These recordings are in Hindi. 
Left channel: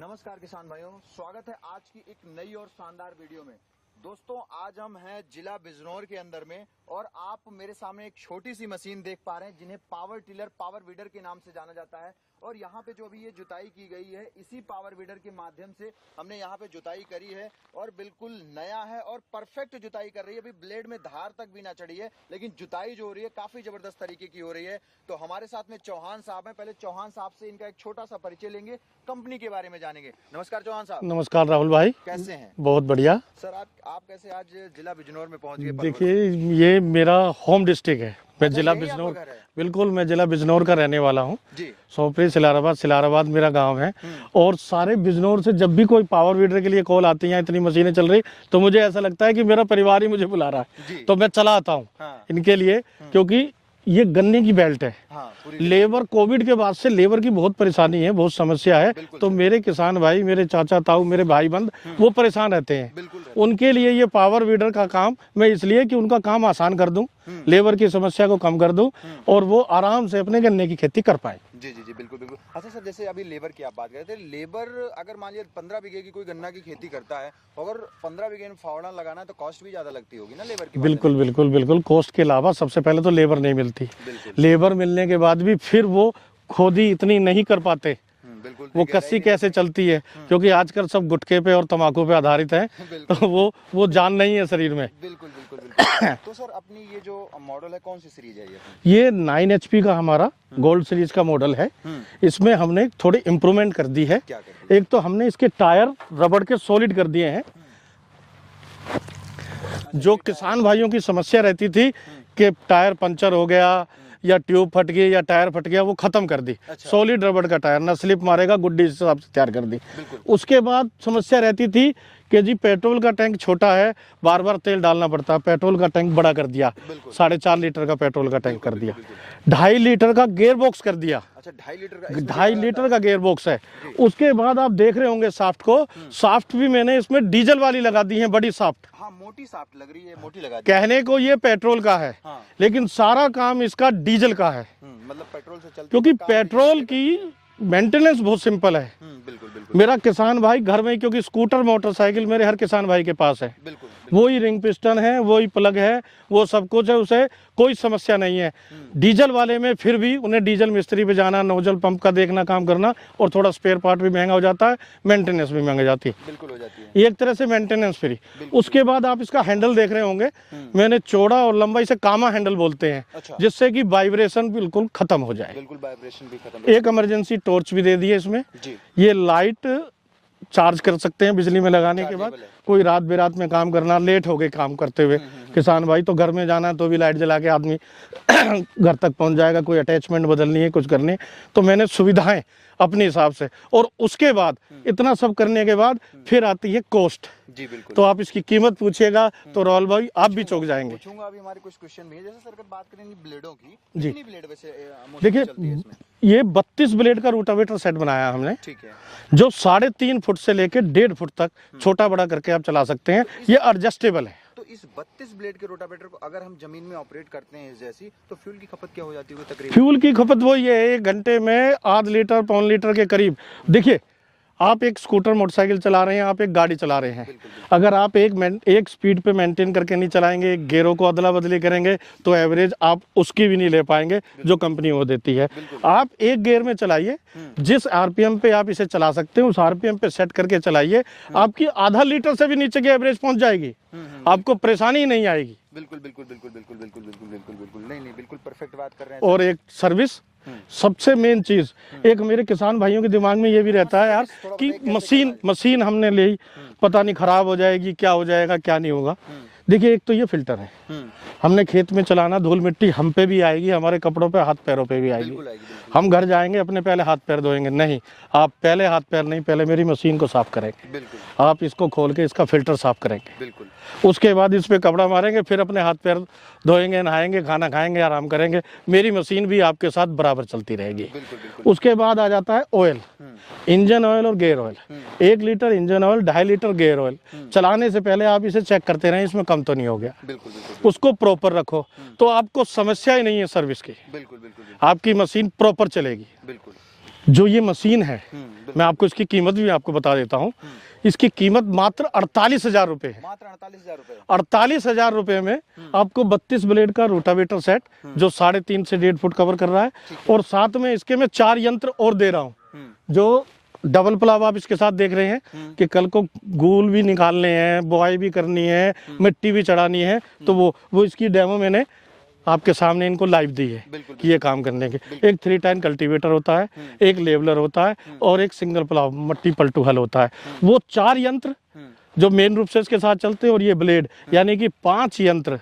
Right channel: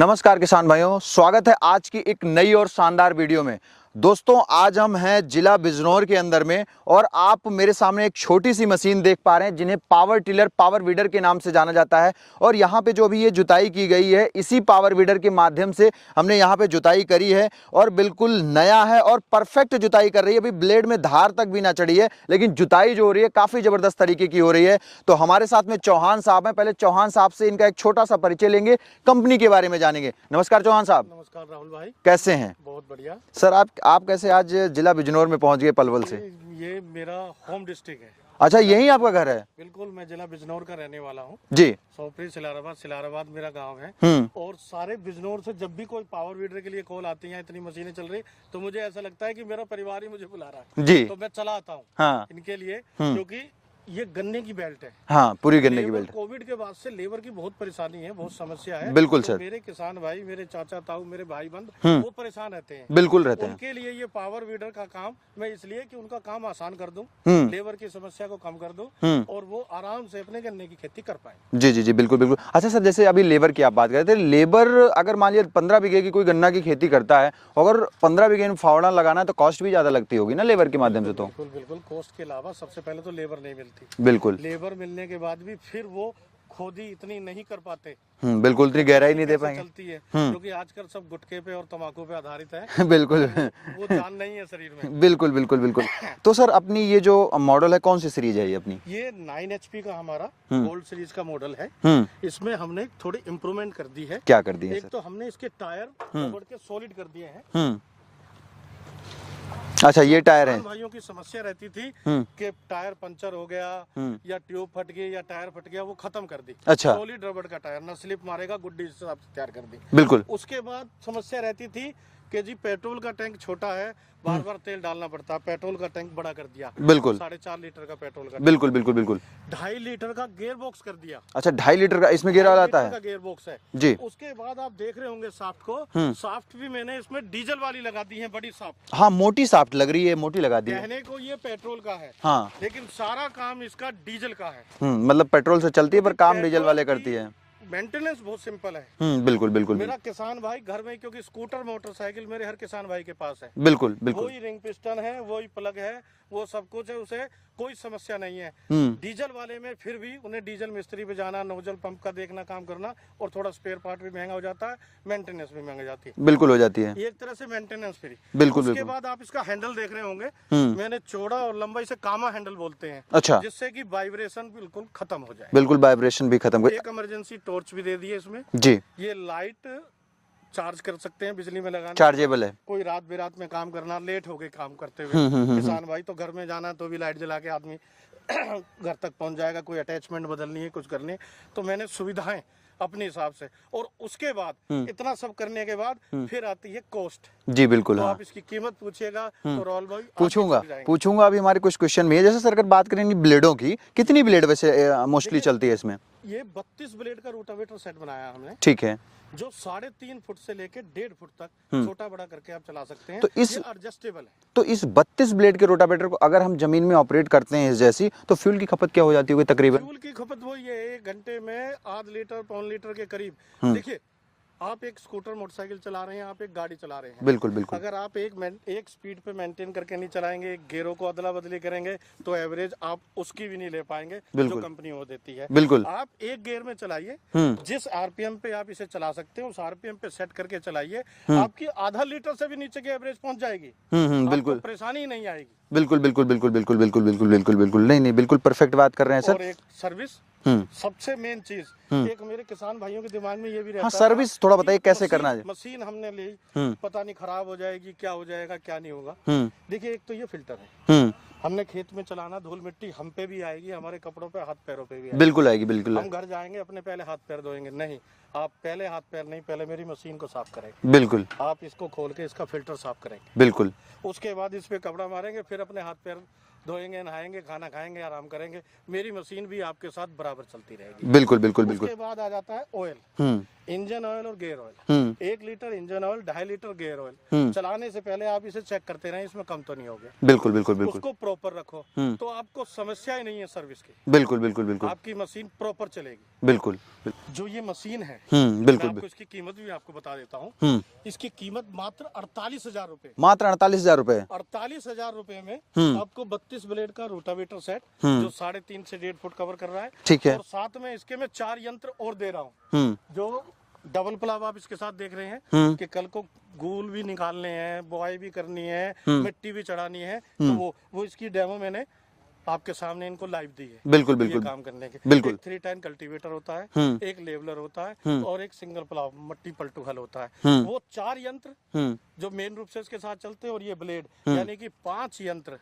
नमस्कार किसान भाइयों, स्वागत है आज की एक नई और शानदार वीडियो में। दोस्तों, आज हम हैं जिला बिजनौर के अंदर में और आप मेरे सामने एक छोटी सी मशीन देख पा रहे हैं जिन्हें पावर टिलर, पावर वीडर के नाम से जाना जाता है। और यहाँ पे जो अभी ये जुताई की गई है, इसी पावर वीडर के माध्यम से हमने यहाँ पे जुताई करी है और बिल्कुल नया है और परफेक्ट जुताई कर रही है। अभी ब्लेड में धार तक भी ना चढ़ी है, लेकिन जुताई जो हो रही है काफ़ी ज़बरदस्त तरीके की हो रही है। तो हमारे साथ में चौहान साहब हैं। पहले चौहान साहब से इनका एक छोटा सा परिचय लेंगे, कंपनी के बारे में जानेंगे। नमस्कार चौहान साहब। नमस्कार राहुल भाई, कैसे हैं? बहुत बढ़िया सर, आप कैसे आज जिला बिजनौर में पहुंच गए पलवल से? ये मेरा होम डिस्ट्रिक्ट है। अच्छा, यही आपका घर है? बिल्कुल, मैं जिला बिजनौर का रहने वाला हूँ जी। सोपरी सिलाराबाद मेरा गांव है। और सारे बिजनौर से जब भी कोई पावर वीडर के लिए कॉल आती है, इतनी मशीनें चल रही, तो मुझे ऐसा लगता है कि मेरा परिवार ही मुझे बुला रहा है जी। तो मैं चला आता हूँ हाँ। इनके लिए, क्योंकि ये गन्ने की बेल्ट है हाँ, पूरी लेबर कोविड के बाद से लेबर की बहुत परेशानी है, बहुत समस्या है। बिल्कुल, तो मेरे किसान भाई, मेरे चाचा ताऊ, मेरे भाई बंद वो परेशान रहते हैं। बिल्कुल रहते उनके हैं। लिए ये पावर वीडर का काम मैं इसलिए कि उनका काम आसान कर दूं, लेबर की समस्या को कम कर दूं और वो आराम से अपने गन्ने की खेती कर पाए। जी जी जी, बिल्कुल बिल्कुल। अच्छा सर, जैसे अभी लेबर की आप बात कर रहे थे, लेबर अगर मान लिया 15 बीघे की कोई गन्ना की खेती करता है, अगर 15 बीघे में फावड़ा लगाना है तो कॉस्ट भी ज्यादा लगती होगी ना लेबर के माध्यम से? बिल्कुल बिल्कुल बिल्कुल। कॉस्ट के अलावा सबसे पहले तो लेबर नहीं मिलती। बिल्कुल, लेबर मिलने के बाद भी फिर वो खोदी इतनी नहीं कर पाते। बिल्कुल, गहराई कैसे चलती है, क्योंकि आजकल सब गुटखे पे और तंबाकू पे आधारित है। बिल्कुल, वो जान नहीं है शरीर में। बिल्कुल बिल्कुल बिल्कुल। तो सर, अपनी ये जो मॉडल है, कौन सी सीरीज है ये अपनी? ये 9 HP का हमारा गोल्ड सीरीज का मॉडल है। इसमें हमने थोड़ी इम्प्रूवमेंट कर दी है। क्या कर दी? एक तो हमने इसके टायर रबड़ के सॉलिड कर दिए हैं। अच्छा, ये टायर किसान भाइयों की समस्या रहती थी कि टायर पंचर हो गया या ट्यूब फट गई या टायर फट गया, वो खत्म कर दी। अच्छा। सॉलिड रबड़ का टायर, ना स्लिप मारेगा, गुड्डी हिसाब से तैयार कर दी। बिल्कुल। उसके बाद समस्या रहती थी कि जी पेट्रोल का टैंक छोटा है, बार बार तेल डालना पड़ता है, पेट्रोल का टैंक बड़ा कर दिया। बिल्कुल, 4.5 लीटर का पेट्रोल का टैंक। बिल्कुल बिल्कुल बिल्कुल। 2.5 लीटर का गियर बॉक्स कर दिया। अच्छा, 2.5 लीटर का इसमें 2.5 लीटर का गियर बॉक्स है जी। उसके बाद आप देख रहे होंगे साफ्ट को, साफ्ट भी मैंने इसमें डीजल वाली लगा दी है, बड़ी साफ्ट। हाँ, मोटी साफ्ट लग रही है, मोटी लगा दी। कहने को ये पेट्रोल का है हाँ, लेकिन सारा काम इसका डीजल का है। मतलब पेट्रोल से चलती है पर काम डीजल वाले करती है। मेंटेनेंस बहुत सिंपल है। बिल्कुल बिल्कुल। मेरा किसान भाई घर में, क्योंकि स्कूटर मोटरसाइकिल मेरे हर किसान भाई के पास है। बिल्कुल, बिल्कुल। वही रिंग पिस्टन है, वही प्लग है, वो सब कुछ है, उसे कोई समस्या नहीं है। डीजल वाले में फिर भी उन्हें डीजल मिस्त्री पे जाना, नोजल पंप का देखना, काम करना, और थोड़ा स्पेयर पार्ट भी महंगा हो जाता है, मेंटेनेंस भी महंगा जाती है। बिल्कुल हो जाती है, एक तरह से मेंटेनेंस फ्री। उसके बाद आप इसका हैंडल देख रहे होंगे, मैंने चौड़ा और लंबाई से कामा हैंडल बोलते हैं। अच्छा। जिससे कि वाइब्रेशन बिल्कुल खत्म हो जाए। बिल्कुल, वाइब्रेशन भी खत्म। एक इमरजेंसी टॉर्च भी दे दी है इसमें जी। ये लाइट चार्ज कर सकते हैं बिजली में लगाने, चार्जेबल है। कोई रात बेरात में काम करना, लेट हो गए काम करते हुए किसान भाई, तो घर में जाना है तो भी लाइट जला के आदमी घर तक पहुंच जाएगा। कोई अटैचमेंट बदलनी है, कुछ करनी है, तो मैंने सुविधाएं अपने हिसाब से। और उसके बाद इतना सब करने के बाद फिर आती है कॉस्ट जी। बिल्कुल। तो आप इसकी कीमत पूछिएगा तो राहुल भाई आप भी चौंक जाएंगे। पूछूंगा, अभी हमारे कुछ क्वेश्चन में है। जैसे सर, अगर बात करें ब्लेडों की, कितनी ब्लेड वैसे मोस्टली चलती है इसमें? ये 32 ब्लेड का रोटावेटर सेट बनाया हमने। ठीक है। जो 3.5 फुट से लेकर 1.5 फुट तक छोटा बड़ा करके आप चला सकते हैं। तो ये एडजस्टेबल है। तो इस 32 ब्लेड के रोटावेटर को अगर हम जमीन में ऑपरेट करते हैं इस जैसी, तो फ्यूल की खपत क्या हो जाती है तकरीबन? फ्यूल की खपत वही है, 1 घंटे में आधा लीटर, पौन लीटर के करीब। देखिए, आप एक स्कूटर मोटरसाइकिल चला रहे हैं, आप एक गाड़ी चला रहे हैं। बिल्कुल बिल्कुल। अगर आप एक स्पीड पे मेंटेन करके नहीं चलाएंगे, गेयरों को अदला बदली करेंगे, तो एवरेज आप उसकी भी नहीं ले पाएंगे जो कंपनी वो देती है। बिल्कुल। आप एक गियर में चलाइए, जिस आरपीएम पे आप इसे चला सकते हैं उस आरपीएम पे सेट करके चलाइए, आपकी आधा लीटर से भी नीचे की एवरेज पहुंच जाएगी, आपको परेशानी नहीं आएगी। बिल्कुल बिल्कुल बिल्कुल बिल्कुल बिल्कुल बिल्कुल बिल्कुल बिल्कुल। नहीं, बिल्कुल परफेक्ट बात कर रहे हैं। और एक सर्विस, सबसे मेन चीज, एक मेरे किसान भाइयों के दिमाग में ये भी रहता है थोड़ा बताइए कैसे करना है। मशीन हमने ली, पता नहीं खराब हो जाएगी, क्या हो जाएगा, क्या नहीं होगा। देखिए, एक तो ये फिल्टर है, हमने खेत में चलाना, धूल मिट्टी हम पे भी आएगी, हमारे कपड़ों पे, हाथ पैरों पे भी आएगी। बिल्कुल आएगी, बिल्कुल। हम घर जाएंगे, अपने पहले हाथ पैर धोएंगे? नहीं, आप पहले हाथ पैर नहीं, पहले मेरी मशीन को साफ करेंगे। बिल्कुल। आप इसको खोल के इसका फिल्टर साफ करेंगे। बिल्कुल। उसके बाद इस पे कपड़ा मारेंगे, फिर अपने हाथ पैर धोएंगे, नहाएंगे, खाना खाएंगे, आराम करेंगे। मेरी मशीन भी आपके साथ बराबर चलती रहेगी। बिल्कुल बिल्कुल। उसके बाद आ जाता है ऑयल, इंजन ऑयल और gear oil. 1 litre engine oil, 2.5 litre gear oil. चलाने से पहले आप इसे चेक करते रहे, इसमें कम तो नहीं हो गया। बिल्कुल बिल्कुल। उसको प्रॉपर रखो तो आपको समस्या ही नहीं है सर्विस की। बिल्कुल बिल्कुल बिल्कुल। आपकी मशीन प्रॉपर चलेगी। बिल्कुल। जो ये मशीन है, बिल्कुल, मैं आपको इसकी कीमत भी आपको बता देता हूँ। इसकी कीमत मात्र 48,000 रुपए। मात्र 48,000 रुपए। 48,000 रुपए में आपको 32 ब्लेड का रोटावेटर सेट जो 3.5 से 1.5 फुट कवर कर रहा है, ठीक है। और साथ में इसके मैं 4 यंत्र और दे रहा हूँ, जो डबल प्लाव आप इसके साथ देख रहे हैं कि कल को गूल भी निकालने हैं, बुआई भी करनी है, मिट्टी भी चढ़ानी है, तो वो इसकी डेमो मैंने आपके सामने इनको लाइव दी है। बिल्कुल, ये काम करने के। एक 3 कल्टीवेटर होता है, एक लेवलर होता है, और एक सिंगल प्लाव मट्टी पलटू हल होता है। वो 4 यंत्र जो मेन रूप से इसके साथ चलते हैं, और ये ब्लेड, यानी कि 5 यंत्र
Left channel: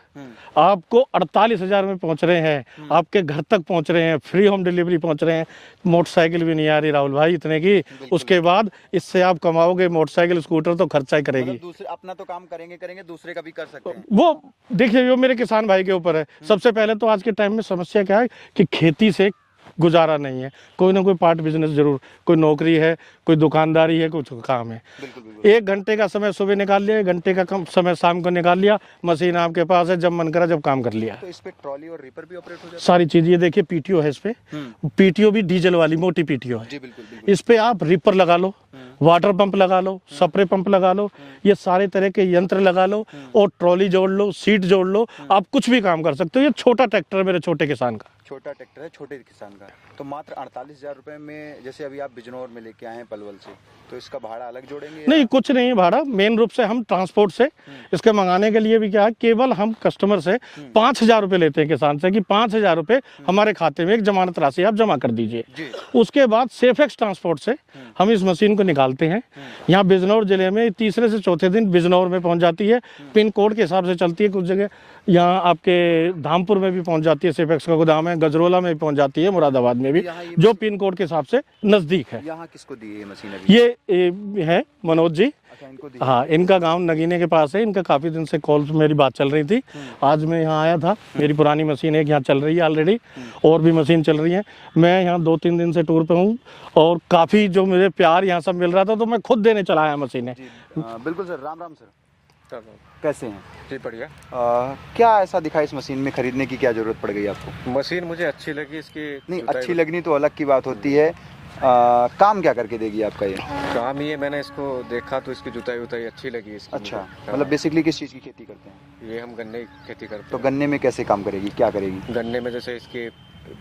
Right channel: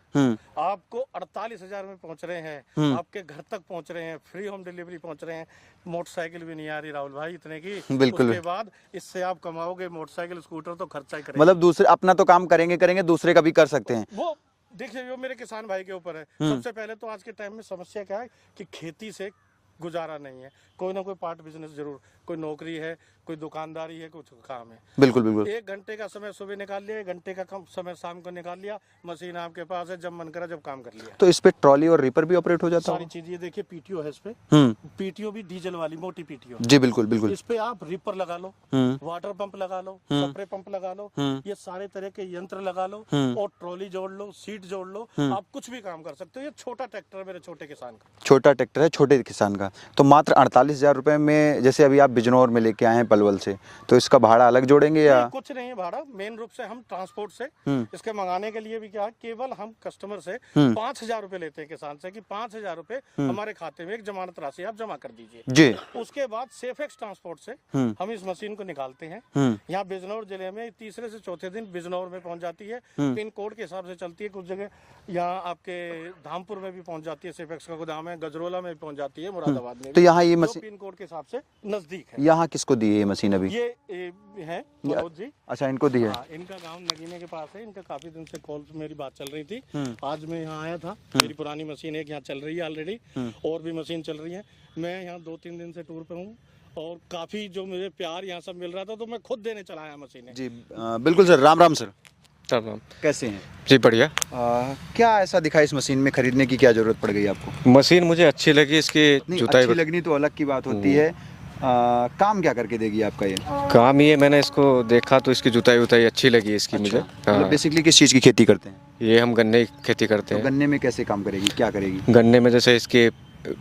आपको 48,000 में पहुंच रहे हैं, आपके घर तक पहुंच रहे हैं, फ्री होम डिलीवरी पहुंच रहे हैं। मोटरसाइकिल भी नहीं आ रही राहुल भाई इतने की, उसके बाद इससे आप कमाओगे मोटरसाइकिल स्कूटर तो खर्चा ही करेंगे। मतलब दूसरे अपना तो काम करेंगे, दूसरे का भी कर सकते हैं। वो देखिए, वो मेरे किसान भाई के ऊपर है। सबसे पहले तो आज के टाइम में समस्या क्या है कि खेती से गुजारा नहीं है, कोई ना कोई पार्ट बिजनेस जरूर, कोई नौकरी है, कोई दुकानदारी है, कुछ काम है। बिल्कुल बिल्कुल। 1 घंटे का समय सुबह निकाल लिया, 1 घंटे का कम समय शाम को निकाल लिया, मशीन आपके पास है, जब मन करा जब काम कर लिया। तो इस पे ट्रॉली और रीपर भी ऑपरेट हो जाता है? सारी चीज। ये देखिए पीटीओ है इस पे, पीटीओ भी डीजल वाली मोटी पीटीओ है। जी बिल्कुल बिल्कुल। इस पे आप रीपर लगा लो, वाटर पंप लगा लो, स्प्रे पंप लगा लो, ये सारे तरह के यंत्र लगा लो, और ट्रॉली जोड़ लो, सीट जोड़ लो, आप कुछ भी काम कर सकते हो। ये छोटा ट्रैक्टर है मेरे छोटे किसान का। छोटा ट्रैक्टर है छोटे किसान का। तो मात्र 48,000 रुपए में, जैसे अभी आप बिजनौर में लेके आए हैं पलवल से, तो इसका भाड़ा अलग जोड़ेंगे या? नहीं, कुछ नहीं है भाड़ा। मेन रूप से हम ट्रांसपोर्ट से इसके मंगाने के लिए भी क्या है, केवल हम कस्टमर से 5,000 रुपए लेते हैं किसान से, कि 5,000 रुपए हमारे खाते में एक जमानत राशि आप जमा कर दीजिए जी। उसके बाद सेफेक्स ट्रांसपोर्ट से हम इस मशीन को निकालते हैं। यहाँ बिजनौर जिले में तीसरे से चौथे दिन बिजनौर में पहुंच जाती है। पिन कोड के हिसाब से चलती है। कुछ जगह यहाँ आपके धामपुर में भी पहुंच जाती है, सेफेक्स का गोदाम है, गजरोला में भी पहुंच जाती है, मुरादाबाद में भी, यहाँ जो पिन कोड के हिसाब से नजदीक है। यहाँ किसको दी है ये मशीन अभी? ये है मनोज जी। अच्छा, इनको दी है। हाँ, इनका गांव नगीने के पास है। इनका काफी दिन से कॉल मेरी बात चल रही थी। आज मैं यहाँ आया था। मेरी पुरानी मशीन एक यहाँ चल रही है ऑलरेडी, और भी मशीन चल रही है। मैं यहाँ 2-3 दिन से टूर पे हूँ, और काफी जो मुझे प्यार यहाँ सब मिल रहा था, तो मैं खुद देने चला आया मशीनें। बिल्कुल सर। राम राम सर। राम। कैसे हैं जी? बढ़िया। क्या ऐसा दिखा इस मशीन में, खरीदने की क्या जरूरत पड़ गई आपको? मशीन मुझे अच्छी लगी। इसकी अच्छी लगनी तो अलग की बात होती है। काम क्या करके देगी आपका ये? काम ये, मैंने इसको देखा तो इसकी जुताई उताई अच्छी लगी इसकी। अच्छा, मुझे मतलब बेसिकली किस चीज़ की खेती करते हैं? ये हम गन्ने की खेती करते हैं। तो गन्ने में कैसे काम करेगी, क्या करेगी? गन्ने में जैसे इसके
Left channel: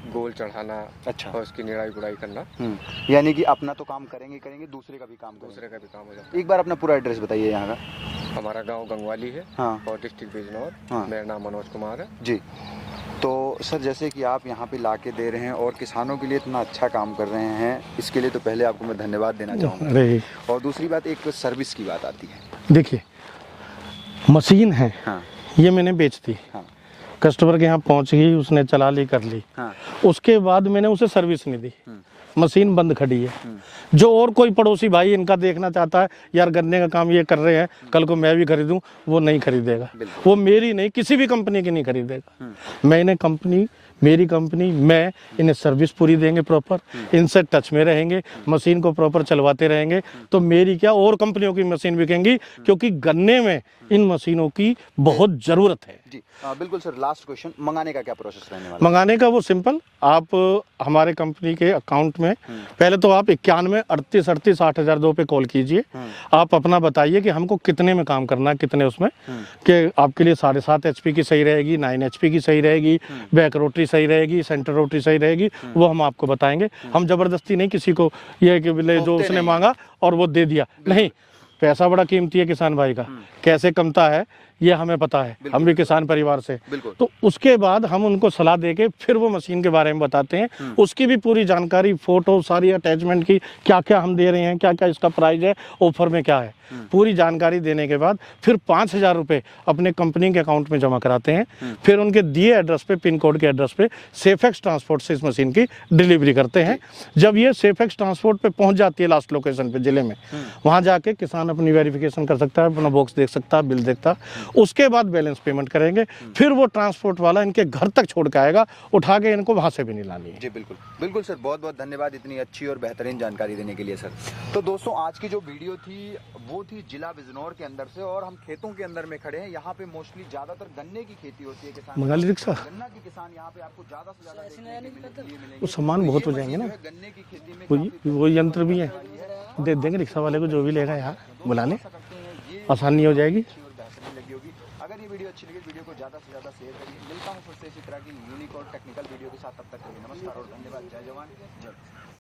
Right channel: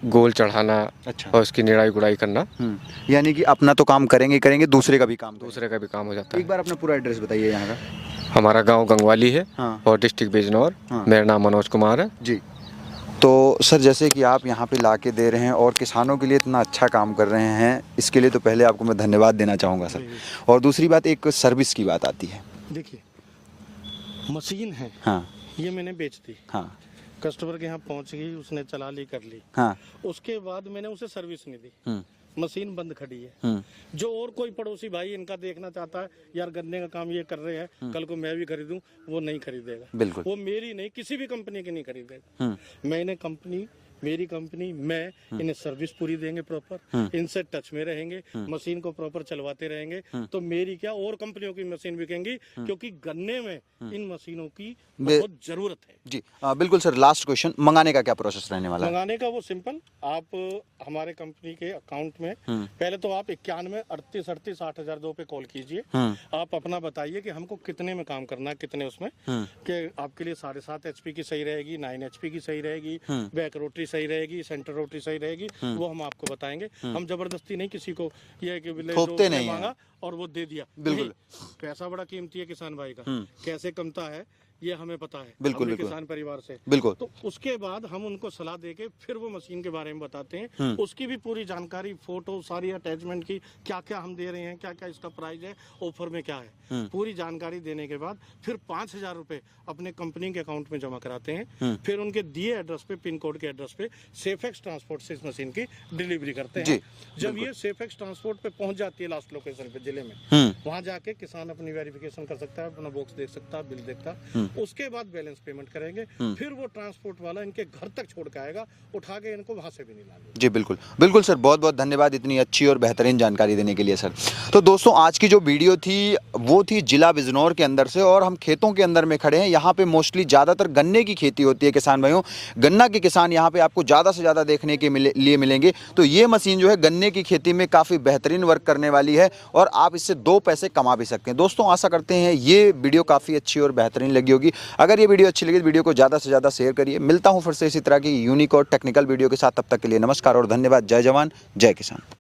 गोल चढ़ाना, अच्छा, और उसकी निराई गुड़ाई करना। यानी कि अपना तो काम करेंगे, दूसरे का भी काम हो जाता है। एक बार अपना पूरा एड्रेस बताइए यहाँ का। हमारा गांव गंगवाली है। हाँ। और डिस्ट्रिक्ट बिजनौर। मेरा नाम मनोज कुमार है जी। तो सर, जैसे कि आप यहाँ पे ला के दे रहे हैं और किसानों के लिए इतना अच्छा काम कर रहे हैं, इसके लिए तो पहले आपको मैं धन्यवाद देना चाहूँगा। और दूसरी बात, एक सर्विस की बात आती है। देखिए, मशीन है, हाँ, ये मैंने बेच दी। हाँ, कस्टमर के यहाँ पहुँच गई, उसने चला ली, कर ली। हाँ, उसके बाद मैंने उसे सर्विस नहीं दी, मशीन बंद खड़ी है। जो और कोई पड़ोसी भाई इनका देखना चाहता है, यार गन्ने का काम ये कर रहे हैं, कल को मैं भी खरीदूं, वो नहीं खरीदेगा। वो मेरी नहीं, किसी भी कंपनी की नहीं खरीदेगा। मैं इन्हें मेरी कंपनी, मैं इन्हें सर्विस पूरी देंगे प्रॉपर, इनसे टच में रहेंगे, मशीन को प्रॉपर चलवाते रहेंगे, तो मेरी क्या और कंपनियों की मशीन बिकेंगी, क्योंकि गन्ने में इन मशीनों की बहुत जरूरत है जी। बिल्कुल सर। लास्ट क्वेश्चन, मंगाने का क्या प्रोसेस रहने वाला है? मंगाने का वो सिंपल, आप हमारे कंपनी के अकाउंट में पहले तो आप 91 38 38 8002 पे कॉल कीजिए। आप अपना बताइए कि हमको कितने में काम करना है, कितने उसमें, कि आपके लिए 7.5 HP की सही रहेगी, 9 HP की सही रहेगी, बैक रोटरी सही रहेगी, सेंटर रोटरी सही रहेगी, वो हम आपको बताएंगे। हम जबरदस्ती नहीं किसी को ये कि जो उसने मांगा और वो दे दिया, नहीं। पैसा बड़ा कीमती है किसान भाई का, कैसे कमता है ये हमें पता है, हम भी किसान परिवार से। तो उसके बाद हम उनको सलाह देके फिर वो मशीन के बारे में बताते हैं, उसकी भी पूरी जानकारी, फोटो, सारी अटैचमेंट की, क्या क्या हम दे रहे हैं, क्या क्या इसका प्राइस है, ऑफर में क्या है, पूरी जानकारी देने के बाद फिर 5,000 रुपये अपने कंपनी के अकाउंट में जमा कराते हैं। फिर उनके दिए एड्रेस पे, पिन कोड के एड्रेस पे सेफेक्स ट्रांसपोर्ट से इस मशीन की डिलीवरी करते हैं। जब ये सेफेक्स ट्रांसपोर्ट पे पहुंच जाती है लास्ट लोकेशन पे जिले में, वहां जाके किसान अपनी वेरिफिकेशन कर सकता है, अपना बॉक्स देख सकता है, बिल देखता है, उसके बाद बैलेंस पेमेंट करेंगे, फिर वो ट्रांसपोर्ट वाला इनके घर तक छोड़ के आएगा, उठा के इनको वहां से भी नहीं लानी है। जी बिल्कुल बिल्कुल सर, बहुत बहुत धन्यवाद इतनी अच्छी और बेहतरीन जानकारी देने के लिए सर। तो दोस्तों आज की जो वीडियो थी वो थी जिला बिजनौर के अंदर से, और हम खेतों के अंदर में खड़े हैं। यहाँ पे मोस्टली ज़्यादातर गन्ने की खेती होती है किसान भाइयों, गन्ना के किसान यहाँ पे आपको ज़्यादा से ज़्यादा देखने के लिए मिलेंगे। तो ये मशीन जो है गन्ने की खेती में काफ़ी बेहतरीन वर्क करने वाली है और आप इससे 2 पैसे कमा भी सकते हैं। दोस्तों आशा करते हैं ये वीडियो काफ़ी अच्छी और बेहतरीन लगी होगी। अगर ये वीडियो अच्छी लगी तो वीडियो को ज़्यादा से ज़्यादा शेयर करिए। मिलता हूँ फिर से इसी तरह की यूनिक और टेक्निकल वीडियो के साथ, तब तक के लिए नमस्कार और धन्यवाद। जय जवान जय किसान।